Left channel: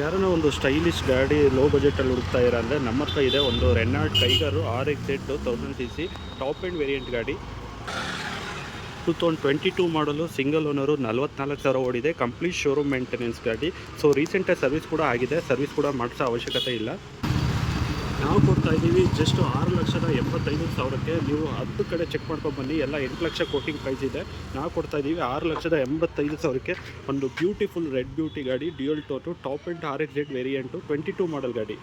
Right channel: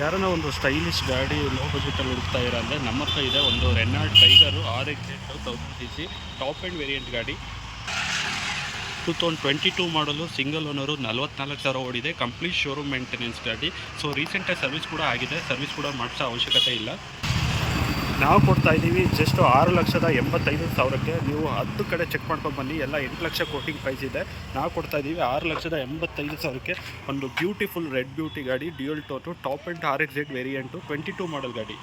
ಯಾರನ್ನ ಒಂದು ಸ್ಟೈಲಿಶ್ ಗಾಡಿ ಲೋ ಬಜೆಟಲ್ಲಿ ಹುಡುಕ್ತಾ ಇರೋ ಅಂದರೆ ನಮ್ಮ ಹತ್ರ ಇದೆ ಒಂದು Renault Kiger RX 1000 cc top end variant ಗಾಡಿ. 2022 ಮಾಡಲು, ಸಿಂಗಲ್ ಓನರು, 44,000 ಓಡಿದೆ, ಕಂಪ್ಲೀಟ್ ಶೋರೂಮ್ ಮೇಂಟೆನೆನ್ಸ್ ಗಾಡಿ. ಸೊ ರೀಸೆಂಟಾಗಿ ಸರ್ವಿಸ್ ಕೂಡ ಆಗಿದೆ, ಸರ್ವಿಸ್ ಕೂಡ ಮಾಡಿಸೋ ಅವಶ್ಯಕತೆ ಇಲ್ಲ. ನಾವು ಕೊಡ್ತಾ ಇದ್ದೀವಿ ಜಸ್ಟ್ 6,85,000ಕ್ಕೆ. ನೀವು 10 ಕಡೆ ಚೆಕ್ ಮಾಡ್ಕೊಂಡು ಬನ್ನಿ, ಎಲ್ಲ 8 ಲಕ್ಷ ಕೋಟಿಂಗ್ ಪ್ರೈಸ್ ಇದೆ. ನಾವು ಕೊಡ್ತಾ ಇದ್ದೀವಿ 6,85,000ಕ್ಕೆ ಒಂದು ಬ್ಯೂಟಿಫುಲ್ ರೆಡ್ ಬ್ಯೂಟಿ ಗಾಡಿ, dual tone, top end RX variant, 22 model ಗಾಡಿ.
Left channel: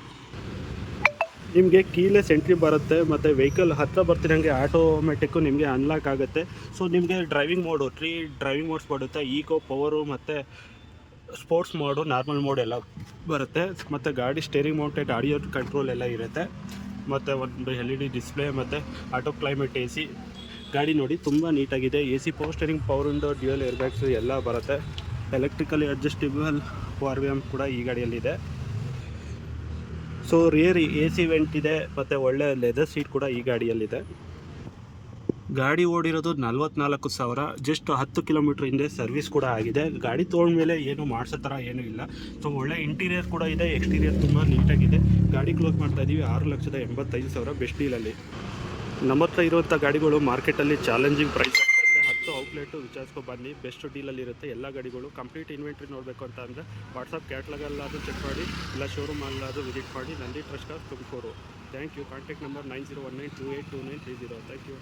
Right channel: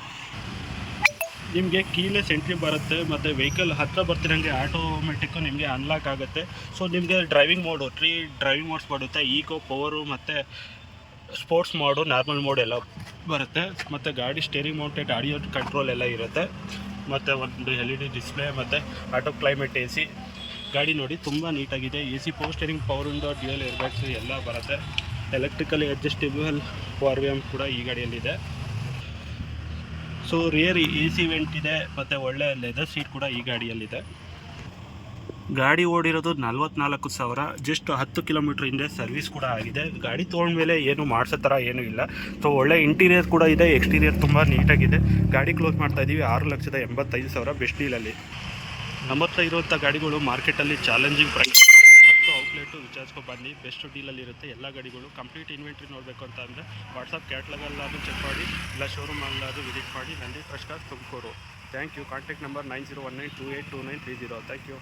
ನಿಮಗೆ ಕೀಲೆಸ್ ಎಂಟ್ರಿ ಬರುತ್ತೆ ಮತ್ತು ವೆಹಿಕಲ್ ಹತ್ತಿರ ಬರ್ತಿರೋಂಗೆ ಆಟೋಮೆಟಿಕ್ಕು ನಿಮಗೆ ಅನ್ಲಾಕ್ ಆಗುತ್ತೆ. ಸೊ ನಿಮಗೆ ಡ್ರೈವಿಂಗ್ ಮೋಡು 3 ಡ್ರೈವಿಂಗ್ ಮೋಡ್ಸ್ ಬರುತ್ತೆ, ಈಕೋ, ಪವರು ಮತ್ತು ಸ್ಪೋರ್ಟ್ಸ್ ಮೋಡು, ನಾರ್ಮಲ್ ಮೋಡ್ ಎಲ್ಲ ಬರುತ್ತೆ. ಮತ್ತು ಗಾಡಿ ಸ್ಟೇರಿಂಗ್ ಮೌಂಟೆಡ್ ಆಡಿಯೋ ಕಂಟ್ರೋಲ್ ಎಲ್ಲ ಇರುತ್ತೆ. ಮತ್ತು ಒಂದು LED ಡಿಸ್ಪ್ಲೇ ಮತ್ತು ಆಟೋ ಕ್ಲೈಮೇಟ್ AC. ಗಾಡಿ ನೋಡಿ ತುಂಬ ನೀಟಾಗಿದೆ. AC, power steering, power window, dual airbags ಎಲ್ಲ ಬರುತ್ತೆ. ಎಲೆಕ್ಟ್ರಿಕಲಿ ಅಡ್ಜಸ್ಟೇಬಲ್ ORVM ಕೂಡ ಈ ಗಾಡಿಯಲ್ಲಿದೆ. ಸೊ ರಿಯರ್ AC ವೆಂಟ್ ಇದೆ ಮತ್ತು ಒಳ್ಳೆ ಲೆದರ್ ಸೀಟ್ ಕೂಡ ಈ ಗಾಡಿಯಲ್ಲಿದೆ. ಗಾಡಿ ಓಡಿರೋದು 44,000, ಜಸ್ಟ್ 10 ಕಿಲೋಮೀಟ್ರ್ ಹಿಂದೆ ಸರ್ವಿಸ್ ಕೂಡ ಆಗಿದೆ. ಗಾಡಿ ತೊಗೊಂಡ್ಮೇಲೆ ಏನು ಮಾಡಿಸೋ ಥರ ಏನೂ ಇಲ್ಲ. ಸೊ ಒಳ್ಳೆ ಇಂಟೀರಿಯರ್ ಕೂಡ ಇದೆ, ಎಕ್ಸ್ಟೀರಿಯರ್ ತುಂಬ ನೀಟಾಗಿದೆ. ಗಾಡಿ ಕ್ಲೋಸ್ ಮಾಡ್ತಾಯಿದ್ದೀವಿ 6,85,000 ಬೆಸ್ಟ್ ಡೀಲಲ್ಲಿ. ನಮ್ಮ ಹತ್ರ ಇರುವಂಥ ಗಾಡಿಗಳು ಮಾರ್ಕೆಟಲ್ಲಿ ಚಾಲೆಂಜಿಂಗ್ ಪ್ರೈಸ್ 10 ಔಟ್ಲೆಟು ವಿಚಾರಿಸ್ಕೊ ಬನ್ನಿ, ಬೆಸ್ಟ್ ಡೀಲಲ್ಲಿರುತ್ತೆ ಎಲ್ಲ ಗಾಡಿಗಳು. ಕಂಪ್ಲೀಟ್ ಇನ್ವೆಂಟ್ರಿ ನೋಡಬೇಕು ಅಂತ ಅಂದರೆ ವಾಟ್ಸಪ್ ಕ್ಯಾಟ್ಲಾಗಲ್ಲಾದರೂ ಚೆಕ್ ಮಾಡಿ, ಇಲ್ಲ ಶೋರೂಮಲ್ಲಾದರೂ ವಿಸಿಟ್ ಮಾಡಿ. Nandi trust Tumakuru. Thank you. Contact number 9019282930. Thank you.